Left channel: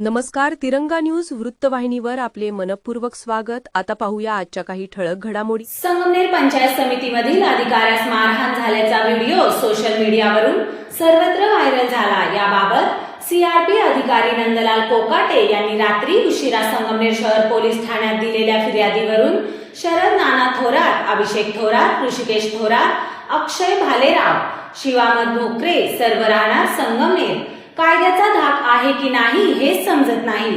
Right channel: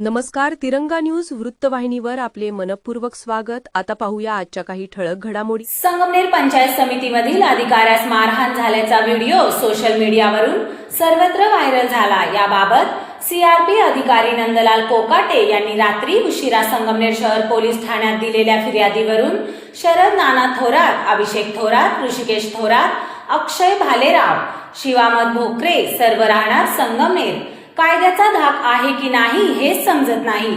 नमस्कार. तिरंगा न्यूज वृत्तवाहिनीवर आपले मनपूर्वक स्वागत. आता पाहूया आजच्या काही ठळक घडामोडी. संगमनेर पंचायत समितीमधील अधिकाऱ्यास मारहाण झाल्याचा व्हिडिओ सोशल मीडियावरून सर्वत्र व्हायरल झाला. याबाबत सीआरपी अधिकारी नंदलाल कोकाटे यांनी रात्री उशिरा संगमनेर शहर पोलीस ठाण्यात दिलेल्या फिर्यादीवरून शरद नाना थोरात, अभिषेक थोरात, ऋषिकेश थोरात, अक्षय भालेराव, शिवामत भोकरे सर्व राहणार संगमनेर कायद्याचा धाक आहे की नाही हेच समजत नाही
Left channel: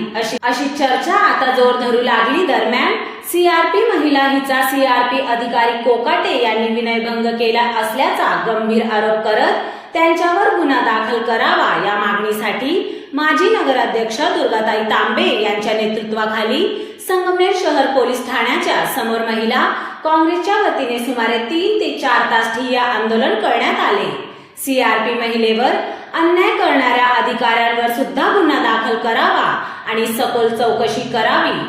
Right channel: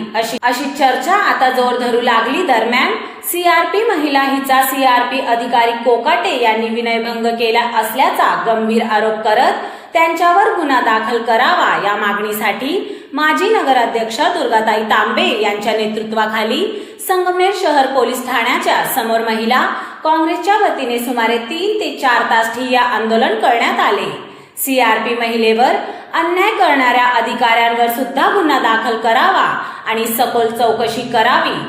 अशी चर्चा आता जोर धरू लागली. दरम्यान सीआरपी महिला हिचा सीआरपी अधिकारी कोकाटे यांनी विनयभंग केला असल्याचा गंभीर आरोप करत त्यांच्यावर गुन्हा दाखल करावा या मागणीसाठी माजी नगराध्यक्षा दुर्गाताई तांबे यांच्या नेतृत्वाखाली संगमनेर शहर पोलीस ठाण्याच्या समोर महिला काँग्रेसच्या वतीने सुमारे 3 ते 4 तास ठिय्या आंदोलन करण्यात आले. सीआरपी महिलेवर अन्याय करणाऱ्या अधिकाऱ्यांवर सुद्धा गुन्हा दाखल करावा आणि सखोल चौकशी करावी.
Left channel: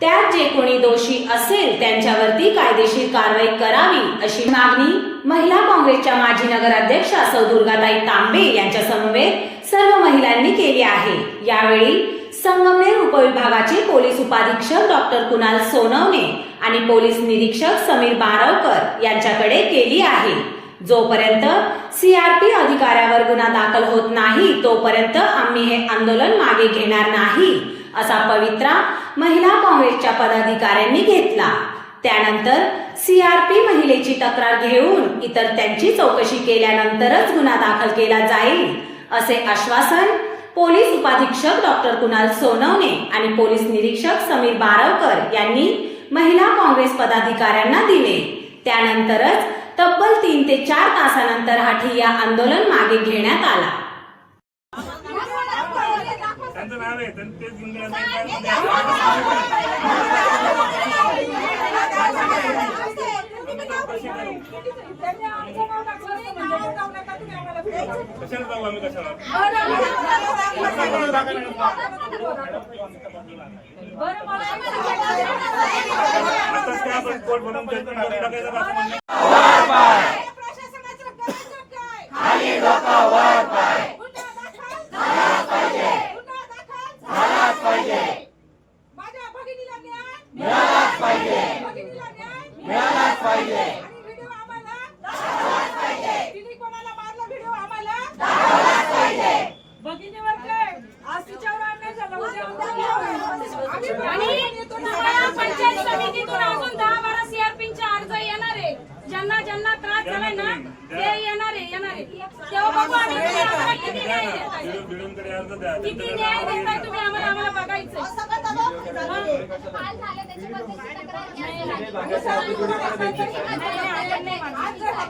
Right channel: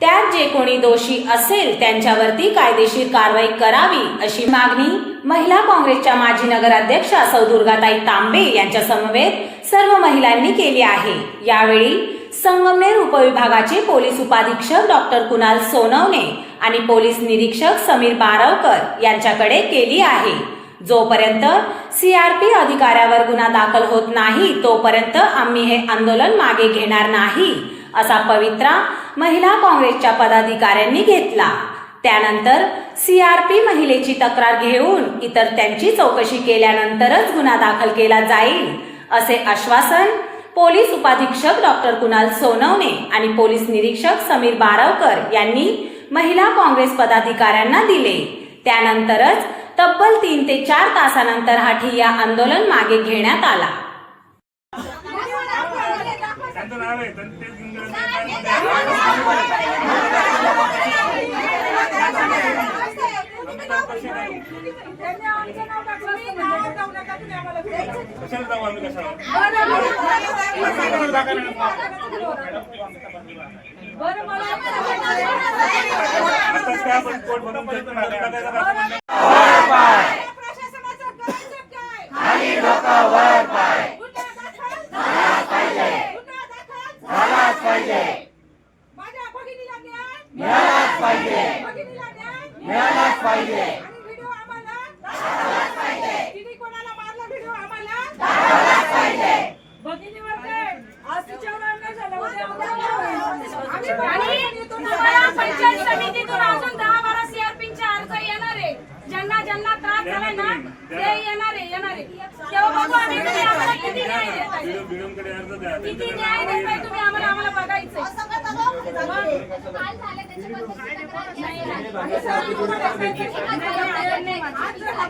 त्यात जे कोणी दोषी असेल त्यांच्यावरती कायदेशीर कारवाई करावी अशी मागणी महिला काँग्रेसच्या माजी नगराध्यक्षा सौ दुर्गाताई तांबे यांच्या समवेत सर्व महिलांनी केली आहे. यावेळी संगमनेर उपविभागाचे पोलीस उपाधीक्षक डॉक्टर कुणाल सोनवणे आणि पोलीस निरीक्षक समीर बारवकर यांच्याकडे केली आहे. जोपर्यंत सीआरपी अधिकाऱ्यावर गुन्हा दाखल होत नाही तोपर्यंत आम्ही हे आंदोलन मागे घेणार नाही असा पवित्रा महिला काँग्रेसच्या पदाधिकाऱ्यांनी घेतला. त्यानंतर सीआरपी महिलेची तक्रार घेऊन इतर त्यांची चौकशी केल्यानंतरच गुन्हा दाखल केला जाईल असे आश्वासन पोलीस उपाधीक्षक डॉक्टर कुणाल सोनवणे आणि पोलीस निरीक्षक समीर बारवकर यांनी महिला काँग्रेस पदाधिकाऱ्यांना दिले. त्यानंतरच तब्बल 3 ते 4 तासानंतर हा ठिय्या आंदोलन मागे घेण्यात आला. ज्यांना ज्यांना त्रास झाला ना ते येणारे तेव्हा बघू आम्ही किती न्याय देताय तुम्ही आम्हाला बघायचंय.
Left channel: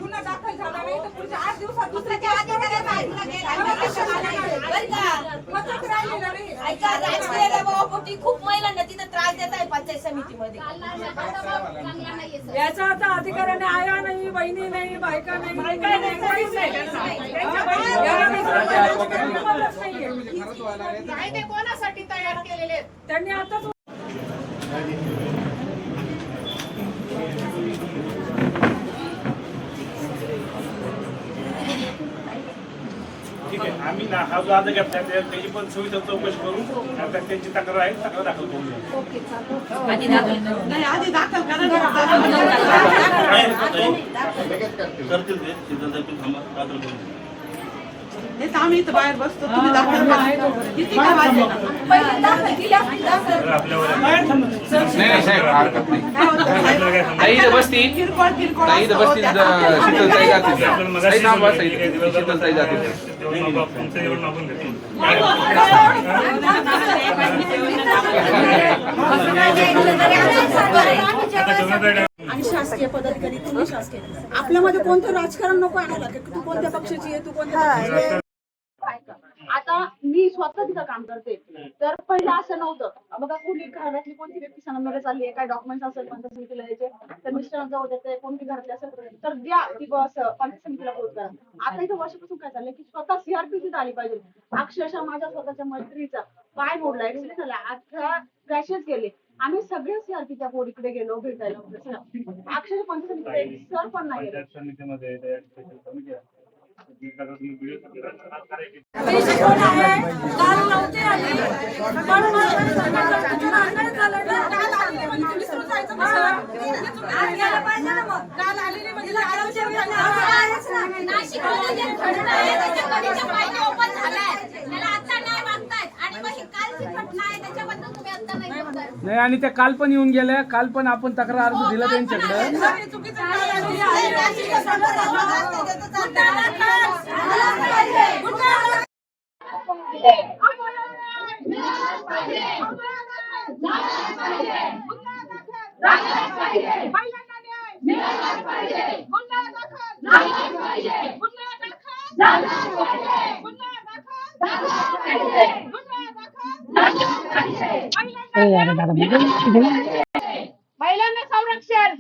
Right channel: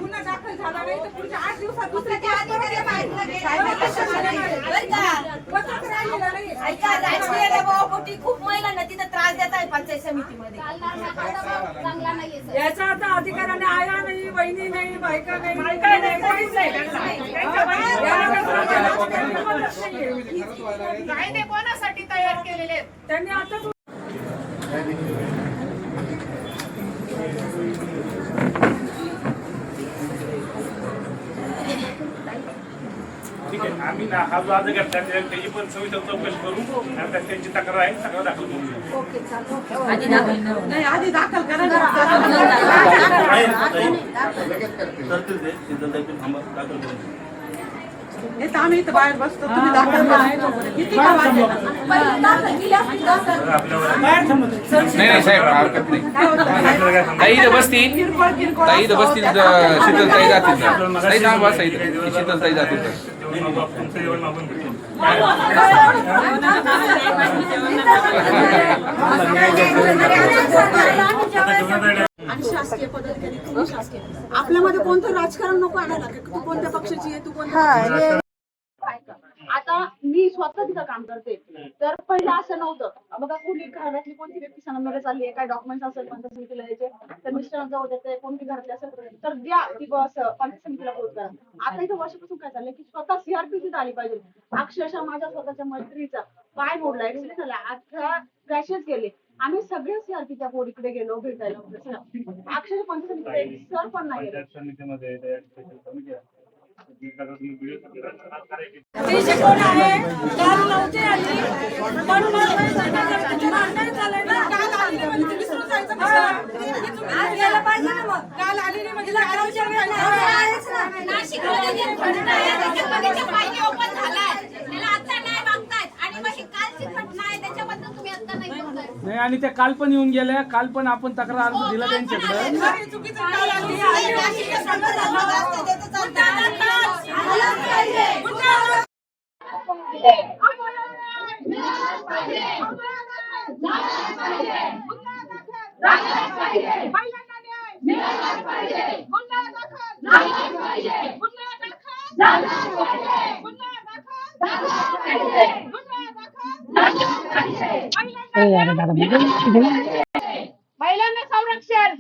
गुन्हा दाखल झाला नाही तर पुढच्या 8 दिवसात खूप महिलांना तिथं त्रास देत आहे पंचायत समितीमध्ये. याचा आता अधिकाऱ्याने आया नाही, बहिणी नाही, बायका नाही, काहीच कायदे कोणासाठी तयार केलेले आहेत त्यांनी आताच ठीक आहे. आम्ही हा जो आज घेतला त्याची पण सविस्तर चौकशी करू आणि त्यांची तक्रार आहे तक्रार दाखल करू. करतील ते तिथं थांबा दाखल करू. आम्ही इथं बाहेर बसतो तुम्ही दाखल नाही साहेब हरकत नाही. ताई इथं बसतील शीतलताई जातील. ताई थांबा शीतलताई जातील. आणि शासकीय पदाधिकारी तुम्ही शासकीय आपल्यामध्ये कोणतं राजकारण नको आणायला की तू कोणत्या पक्षाची आहे तू कोणत्या. आता मी स्वतः तिथं काम करते तर पहिलं असं नव्हतं. बघा कुणी घरातली कोणती व्यक्ती संगमनेर चालली आहे काय डॉक्युमेंट्स असेल पंचायत समितीला द्यायचे तर मिस्टरांना जाऊ देते कोणती घरातली असेल तर द्या ती बस पंचायत समितीला पोहोच करा. आता इथं वर्षापासून काय चाललंय की स्वतः सीआरपी तिथं आली पाहिजे. अक्षरशः माझ्या स्वतःच्या मैत्रीचा पाय मोडला ऍक्सिडेंट झाला 18 क्रॅशेस गेले. आम्ही सगळे सीआरपीच्या पोरीकडे गेलो भेटायला अक्षरशः पंचायत समितीला सर पण नाही कोण आहे काल नव्हते आली अन्याय झालाय ना. काल आलेली म्हणजे ती विसरून जायचं कसं? आज गेलं पाहिजे ना मग. काल आलेली म्हणजे नाशिकमध्ये जे घडलंय त्याच्यामध्ये जे फायदे ओपन झालाय त्याला आता नाही मागतायत आणि मग ही कालची घटना आहे त्याच्याबद्दल तुम्ही आता नाही बोलताय. नाही आणि त्या काल पण येऊन गेल्या. काल पण आपण तक्रार अर्ज दिला त्यांच्याकडे. चुकीचं काल आलेली महिलांना संरक्षण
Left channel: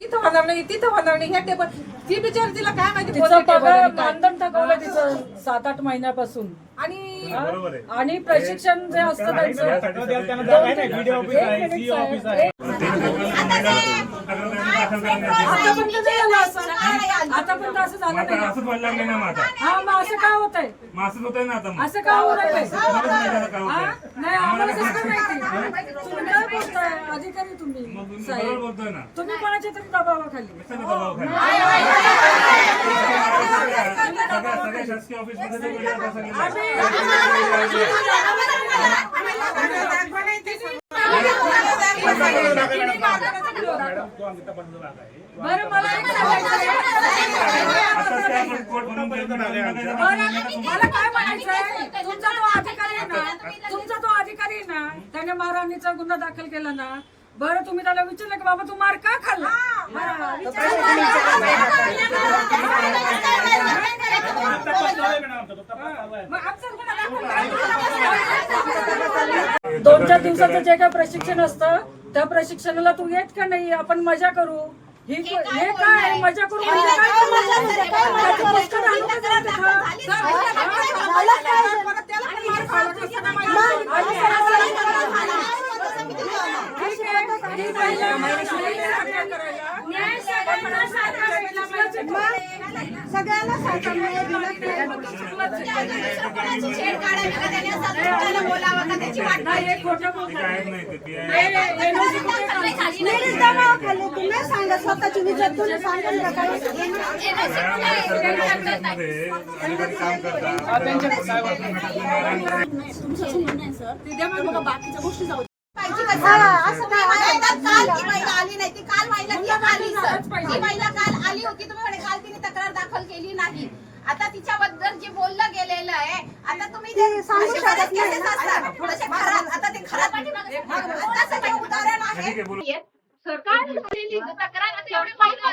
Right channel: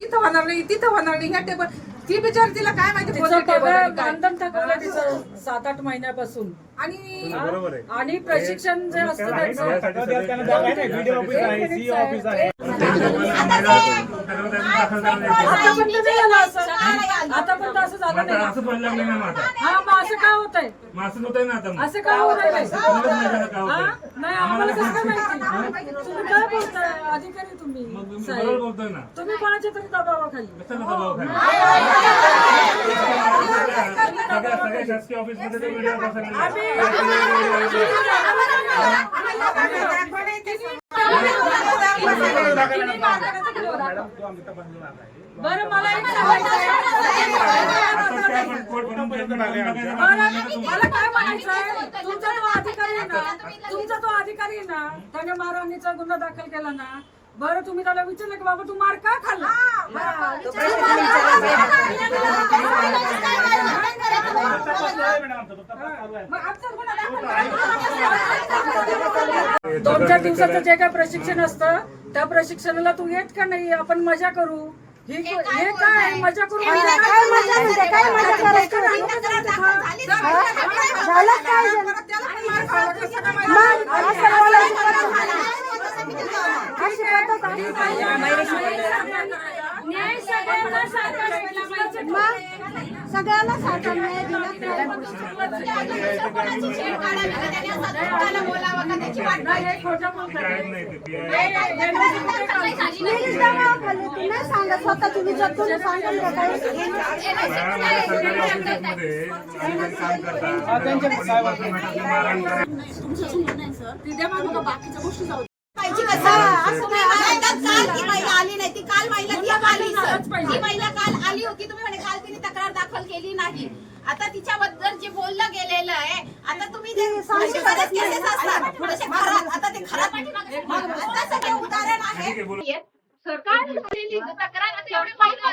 तिथं होणार नाही, तिथं होणार नाही. ह्या टेबल ती बिचार तिला काय माहिती तिचं कोणतं टेबल पगार आहे काय. मानधन थकवलं तिचं 7-8 महिन्यापासून. आणि बरोबर आहे. आणि प्रशिक्षण जे असतं त्यांचं त्यांना जागा आहे ना, व्हिडिओ ऑफिस आहे, सी ऑफिस आहे. आतापर्यंत असं झालं नाही. असंच व्हायला लागले ना माझा हा मग असं काय होतंय? असंच होतंय ना आता असं काय होत आहे? काय नाही आम्हाला कसं काय माहिती? तुम्ही काय बोलताय? अधिकारी तुम्ही मग तुम्ही साहेब. बरोबर बोलतोय ना तुम्ही कोणाच्या तरी दबावाखाली. कशाला दबाव खाली सगळ्या शासकीय ऑफिस मध्ये ते व्हिडिओ बरं मला एक सांगायचंय. मला काय म्हणायचंय, तुमचा तो अधिकारी आहे ना, त्याने मारहाणीचा गुन्हा दाखल केला ना. बरं तुम्ही त्याला विचारलं की बाबा तू मार का खाल्ला? दोन चार दिवसाचं जे काय प्रशिक्षण असतं त्या प्रशिक्षणाला तू येत का नाही? आपण मजा करू. हे काय मजा करू म्हणजे सगळ्यांना सारखा न्याय दिला तुम्ही सांगा स्वतःची विचार तुम्ही सांगाल का काही काम करतात बाकीच्या गोष्टी जाऊ काल ती महिला आली नाही, ती काल महिला ती आली सर. ती महिला काल आली होती, तुम्ही म्हणे काल तिने तक्रार दाखल केली नाही. आता तिच्याबद्दल जे बोललं गेलेलं आहे, आता तुम्ही जे असे बरेच केसेस असतात थोडेसे खराब, आता ते खराब तसं ते उदाहरण आहे. सरकार झालेली तक्रार आता एवढे महिला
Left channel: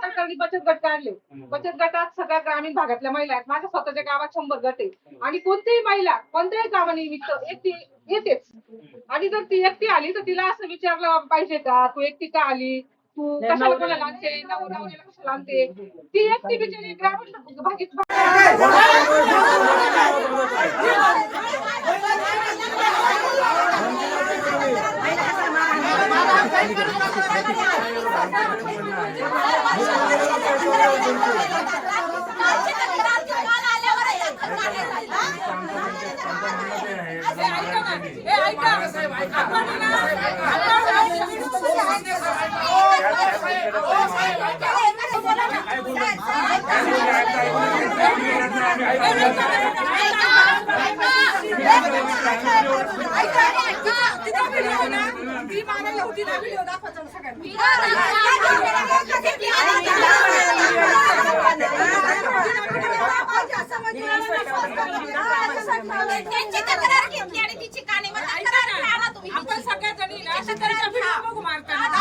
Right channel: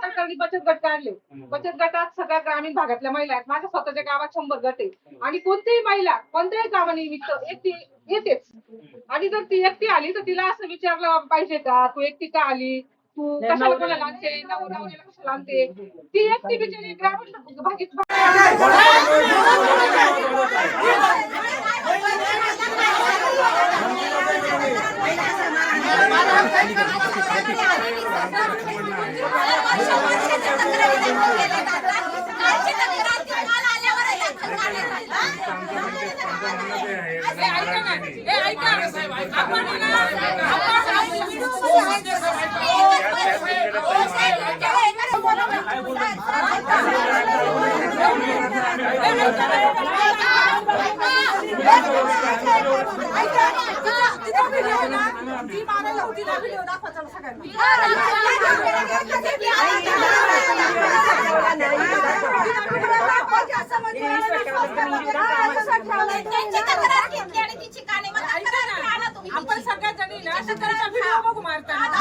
सरकारने बचत गट काढले. बचत गटात सगळ्या ग्रामीण भागातल्या महिला आहेत. माझ्या स्वतःच्या गावात 100 गट आहे आणि कोणतीही महिला कोणत्याही कामानिमित्त एकटी येतेच. आणि जर ती एकटी आली तर तिला असं विचारलं पाहिजे का तू एकटी का आली, तू कशाला कोणाला आणते, नवऱ्याला कशाला आणते. ती एकटी बिचारी ग्रामीण भागीत ती मारायला होती ना व्हिडिओ दाखवायचा सगळ्यांना. आपण सगळ्या जणी व्हिडिओ बघू मारताना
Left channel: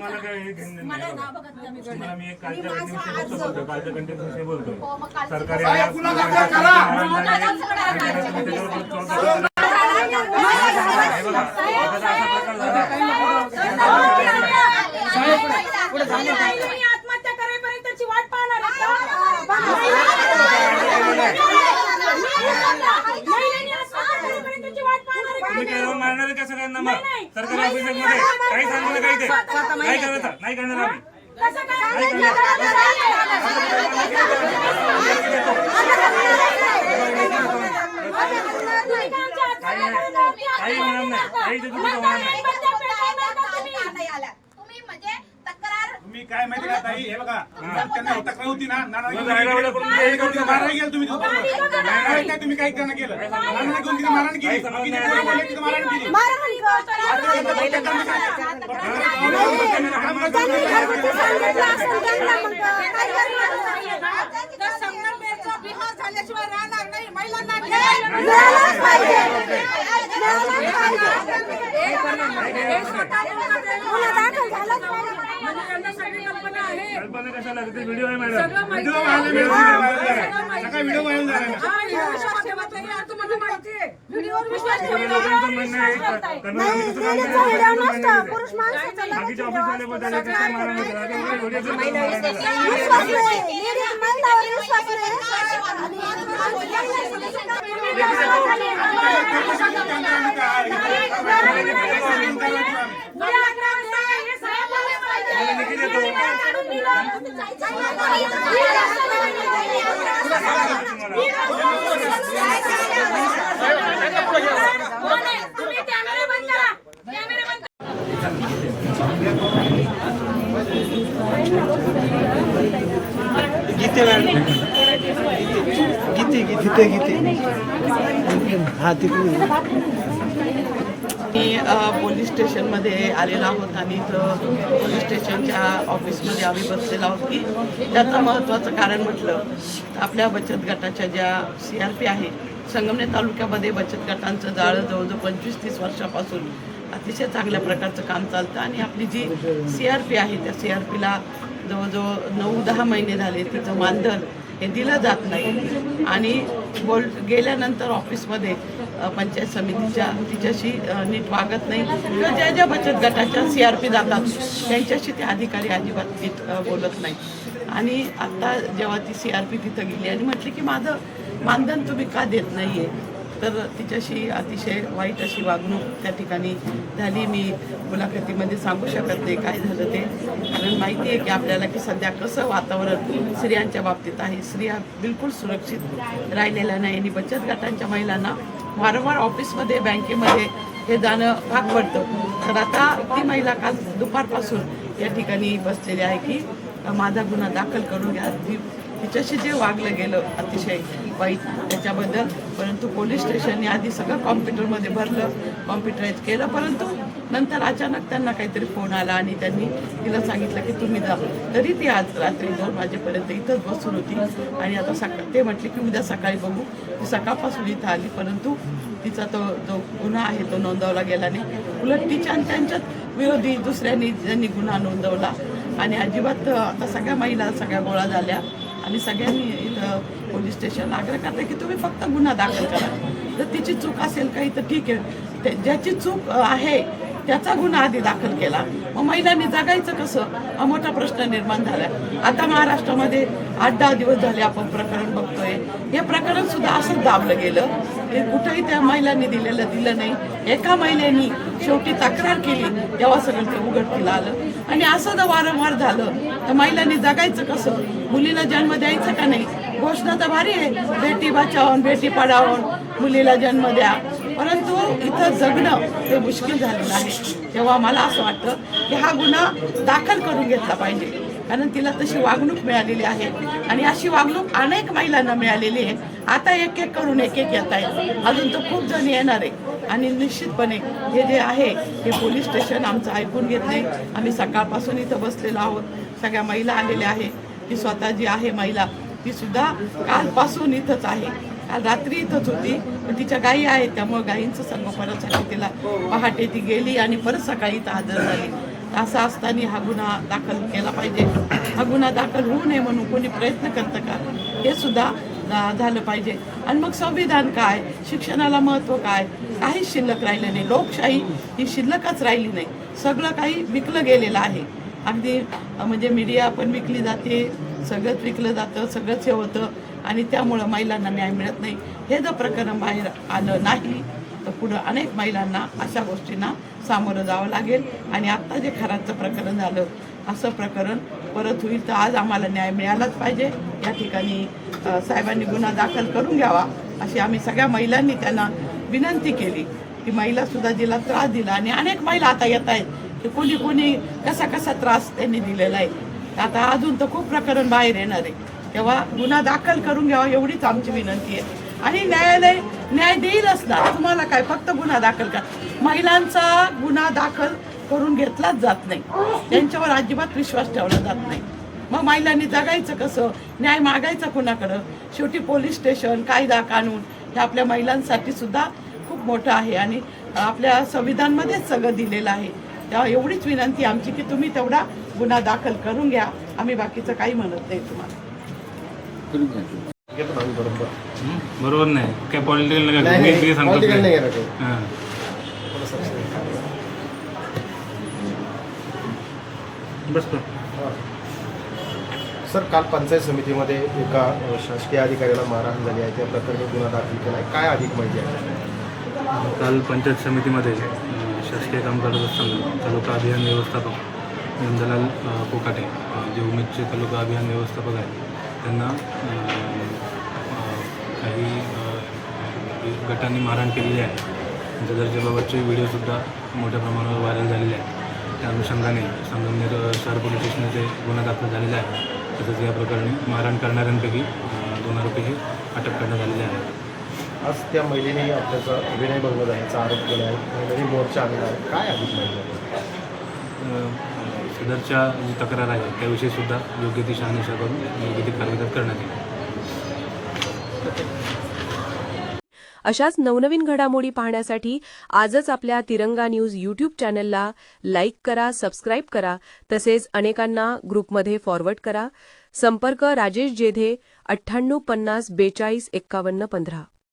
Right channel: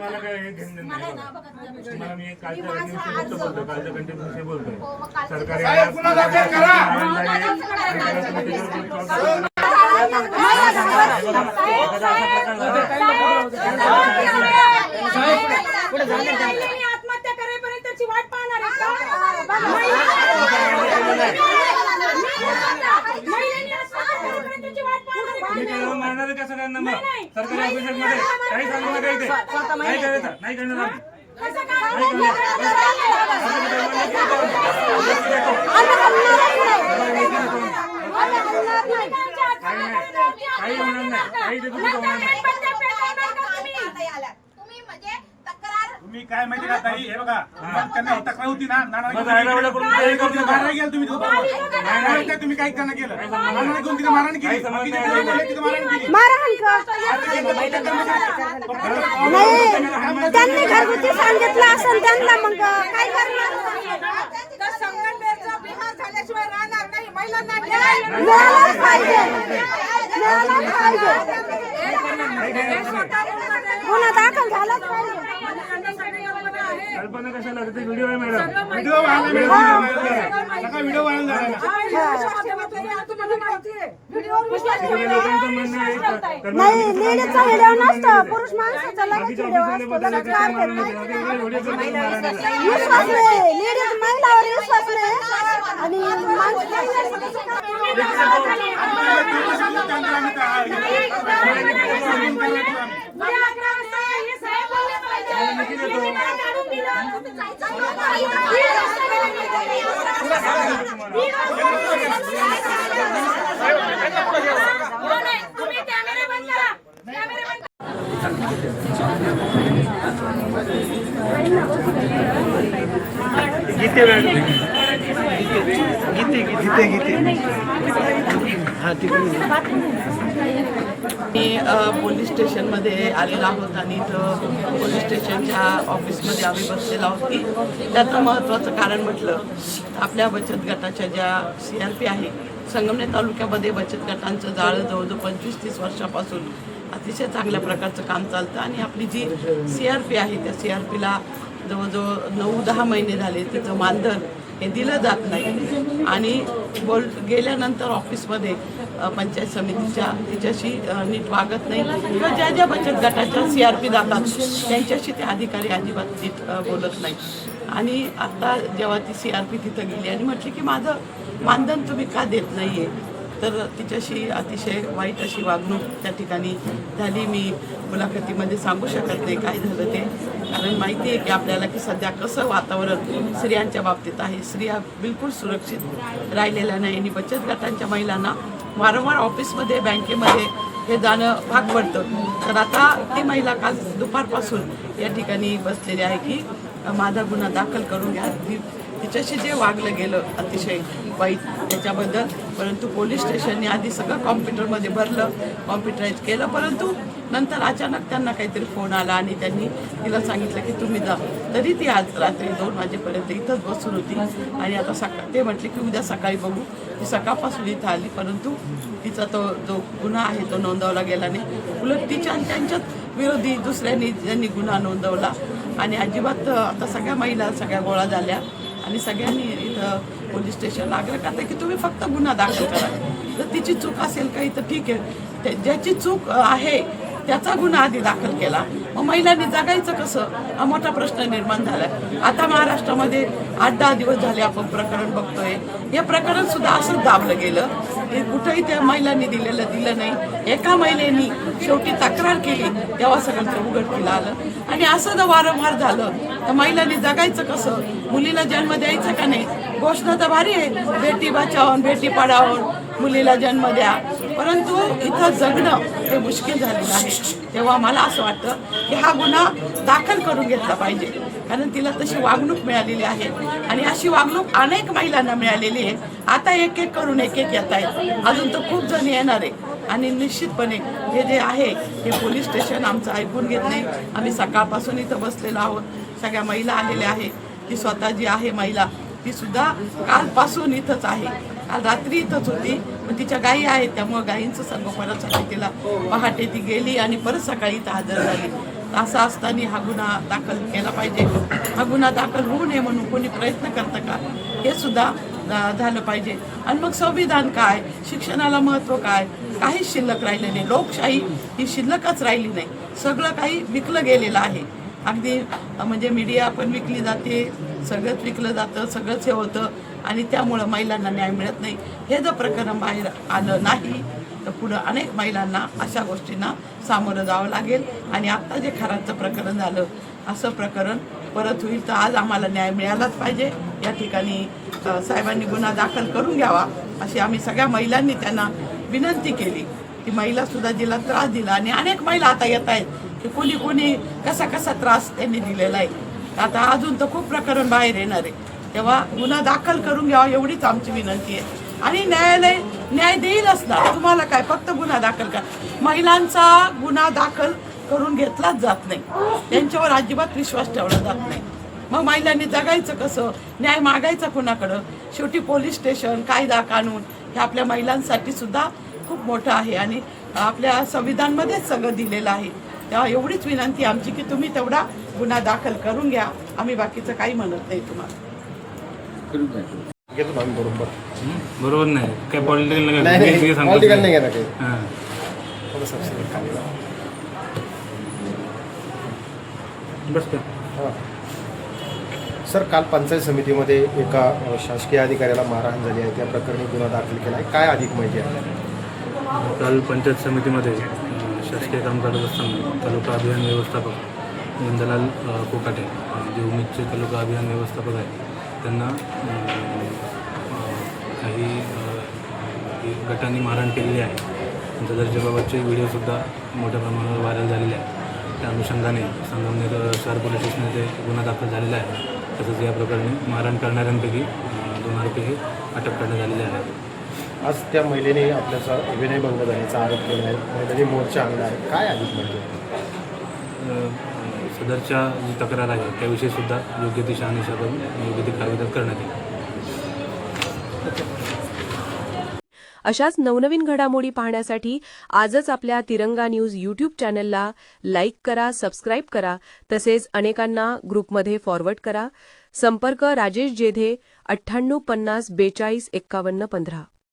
मला काय हे घेणं नाही. तुम्हाला मी कालच्या कंटेंटविषयी बोलतोय. सरकारी आत्महत्या करेपर्यंत त्याची वाट पाहणार आहे. महिलांनी आत्महत्या करेपर्यंतची वाट पाहणार आहे का? तुम्ही केलं मारणार का सगळ्यांना मग सरकारी ऑफिसमध्ये काही सांगू नका इथे नाही करायचं नाही करणार आम्ही कसं काय? काही होणार नाही काही इथे तुम्ही होणार नाही तुम्ही म्हणजे तक्रार तुम्ही काय माहिती का ताई हे बघा त्यांना तक्रार होती ना मग रायगडला करून काय करते? मारायला गेलं तुम्ही तिथं बरोबर. नाही, काय तुम्ही काही करणं केलं नानाने घेऊन तिथे मारहाण केली काही समज बाकीचे नाही. पोरं बोलले तिथे मारहाण केली आता त्यांचं बैठक संगमनेरचा बिहार झाल्याशिवाय राहणार नाही महिलांना कल्पना कशाला तिथे व्हिडिओ आहे मॅडम व्हिडिओ व्हायरल सगळा व्हिडिओ व्हायरल झाला तुम्हाला माहिती आहे सगळ्या लोकांचं म्हणणं आहे बाकीच्या ऑफिसवाले बदलले ते काय मारणार नाही. आता एवढे व्हिडिओ करतात मारणार नाही. तुम्ही कॅमेरे बंद करा. कॅमेरे बंद करा. मी पोलीस स्टेशनमध्ये आलेलो आहोत आणि इथं पोलीस स्टेशनच्या ऑफिसमध्ये आम्ही बसलेलो आहोत की त्याचं महत्त्वाचं कारण म्हटलं तर आपल्या बचत गटाच्या ज्या CRP आहे संगमनेर तालुक्यामध्ये बचत गटांचं जाळं जवळजवळ 25-30 वर्षापासून अतिशय चांगल्या प्रकारचं काम चालतं आणि आपली जी CRP आहे त्या CRPला जवळजवळ 9-10 महिने झाले तिचं मानधन हे दिलं जात नाही आणि गेल्यानंतर ऑफिसमध्ये पंचायत समितीच्या तिच्याशी नीट वागत नाही किंवा ज्या ज्या बचत गटाच्या CRP जातात त्यांच्याशी ते अधिकारी अजिबात नीट बोलत नाही आणि आता जेव्हा ती CRP तिथं गेली आणि म्हटली की माझं मानधन तुम्ही का देत नाही आहे तर तिच्याशी अतिशय वाईट अशी वागणूक त्या ठिकाणी झाली. मी मुलाखतीमध्ये सांगू शकत नाही काय झालं ते कारण माहिती आहे की आपल्याला की सध्या कसं वातावरण स्त्रियांच्या बाबतीत आहे. स्त्रिया बिलकुल सुरक्षित राहिलेल्या नाही आणि बचत गटांच्या महिलांना वारंवार ऑफिसमध्ये बँकेमध्ये हे जाणं भाग पडतं. तर आता ती महिला काल दुपारपासून या ठिकाणी बसलेली आहे की माझा गुन्हा दाखल करून घ्या. तिच्याशी जे वागलं गेलं अतिशय वाईट त्याच्याबद्दल परंतु पोलीस स्टेशनने आधी सगळं कॉम्प्युटरमध्ये भरलं कॉम्प्युटराईज केलं परंतु नंतर अचानक त्यांना काहीतरी फोन आला आणि त्यांनी तिला सांगितलं की तुम्ही जा. तरी ती आज रात्री 2 वाजेपर्यंत इथंच बसून होती आणि आता ते म्हटले की उद्या सकाळी बघू. ती सकाळपासून इथं आली परंतु तिचा तो जो गुन्हा आहे तो नोंदवला गेला नाही. उलट तिच्या आणि त्यांच्यात विरोधी दुसऱ्यांनी ज्यांनी गुन्हा नोंदवला आणि अजिबात आता सगळ्या महिला सगळ्या गोळा झाल्या आणि सगळ्यांनी इथं पोलीस स्टेशनला आग्रह करतात की तुम्ही फक्त गुन्हा दाखल करा. जर तिची चूक असेल काही तर ठीक आहे ज्याची चूक आहे त्याचा गुन्हा आधी दाखल केला मग महिलांनी जगायचं कसं हा मोठा प्रश्न निर्माण झाला. आता महाराष्ट्रामध्ये 8-10 दिवस झाले आपण प्रकरण बघतोय. हे प्रकरण सुद्धा असंच दाबलं गेलं हे कुठंही त्या महिलांनी दिलं नाही. एका महिलेनी शेवटी तक्रार केली तेव्हा सगळं ते उघडकीला आलं आणि असं जर वारंवार झालं तर महिलांनी जगायचं कसं. मुलीला जन्म द्यायचं का नाही. घोषणा तर भारी आहे बेटी बचाओ बेटी पढाओ मुलीला जन्म द्या परंतु इथं जगणं हे मुश्किल झालेलं आहे. तेव्हा मला असं वाटतं की हा गुन्हा दाखल करून घेतला पाहिजे कारण तिला तशी वागणूक मिळालेली आहे आणि अशी वागणूक अनेक महिलांना मिळालेली आहे. आता एक करून एक येत आहेत अजून तर खूप जण येणार आहे आणि निश्चितपणे हे जे आहे हे पोलीस स्टेशन आमचं ऐकून घेत नाही. आम्ही सकाळपासून इथं बसलेलो आहोत. सगळ्या महिला आलेल्या आहे. ती स्वतः जी आहे महिला ती सुद्धा कालपासून इथंच आहे. काल रात्री इथंच होती पण तिच्या गायी आहेत त्यामुळे गायींचं संगोपनासाठी तिला पहाटे ती गेली आणि परत सकाळी इथं हजर झाली. असं असताना हा गुन्हा दाखल केला पाहिजे. हा गुन्हा दाखल होऊ नये म्हणून कोणी प्रयत्न करतं का हे सुद्धा झालं पाहिजे. आणि मग संविधान काय शिक्षणाला महत्त्व काय काहीच शिल्लक राहिलं नाही. लोकशाही ही शिल्लकच राहिली नाही. सगळं काही विकलं गेलेलं आहे. अगदी म्हणजे मीडिया पण विकली जाते सगळंच विकलं जातं सगळंच हे होतं आणि त्यामुळं महिलांना न्याय मिळत नाही. हे जर प्रकरण बाहेर आलं नाही तर पुढं अनेक महिलांना अशा गोष्टींना सामोरं जावं लागेल. आणि आत्ता जे खराचं प्रकरण झालं असं प्रकरण परत होईल. तर आज आम्हाला न्याय मिळालाच पाहिजे. या ठिकाणी साहेबांनी गुन्हा दाखल करून घ्यावा अशी आम्ही सगळ्या महिलांनी त्यांना विनंती केली. ती महिलासुद्धा जिला त्रास दिला आणि अनेक महिला आता येत आहेत की कोणी कोणी कसा कसा त्रास त्यांनी दिलेला आहे. आता अजून तर खूप प्रकरण बाहेर येणार आहे. तेव्हा गुन्हा दाखल करून घ्यावा एवढीच आमची विनंती आहे. आणि न्यायालय न्याय देईलच ना. तुम्हाला काय फक्त गुन्हा दाखल करा. महिलांचा गुन्हा दाखल करून घेतलाच जात नाही. त्यांच्यावर अजिबात विश्वास ठेवला जात नाही. मग महिलांनी जगायचं कसं, न्याय मागायचा कुणाकडं. शेवटी पोलीस स्टेशन, कायदा कानून हे आपल्या महिलांसाठी सुद्धा खूप मोठं आहे आणि आपल्या संविधानमध्येच सगळं दिलेलं आहे. तेव्हा एवढीच विनंती आमची की तुम्ही तेवढा गुन्हा दाखल करून घ्या. आम्ही बाकीचं काही म्हणत नाही तुम्हाला. बरोबर नाही काय पॉलिटिकल सर, काल पंचायत समितीमध्ये एका शासकीय अधिकाऱ्याला मारहाण झाली आहे. त्या प्रकरणी गुन्हा दाखल केला आहे. काय अधिक माहिती आहे? काल पंचायत समितीमध्ये शासकीय काम करत असताना तालुका अभियान व्यवस्थापक नंदलाल कोकाटे जे उमेदचे तालुका अभियान व्यवस्थापक आहेत त्यांना काही गटांनी मारहाण केलेली आहे. त्यांच्या दर्जाबाबतचे व्हिडिओसुद्धा मोठ्या प्रमाणावर व्हायरल झालेले आहेत. त्या अनुषंगाने संगमनेर शहर पोलीस स्टेशन येथे गुन्हा दाखल झालेला आहे. तसंच या प्रकरणी मारहाण करणाऱ्यांपैकी 2 आरोपीही अटक करण्यात आलेले आहेत. आज त्या महिलेने आपल्याचा विनयभंग झाल्याचा आरोप केला आहे आणि त्यांनी मोर्चा आणला आहे. काय अधिक माहिती आहे? सदरच्या जी तक्रार आहे त्याविषयी सुद्धा योग्य ती शहानिशा करून योग्य ती कारवाई करण्यात येईल. अशाच नवनवीन घडामोडी पाहण्यासाठी आजच आपल्या तिरंगा न्यूज यूट्यूब चॅनलला लाईक करा, सबस्क्राईब करा, तसेच अनेकांना ग्रुपमध्ये फॉरवर्ड करा. संपर्क राजेश जेधे 98 50 42 51 15.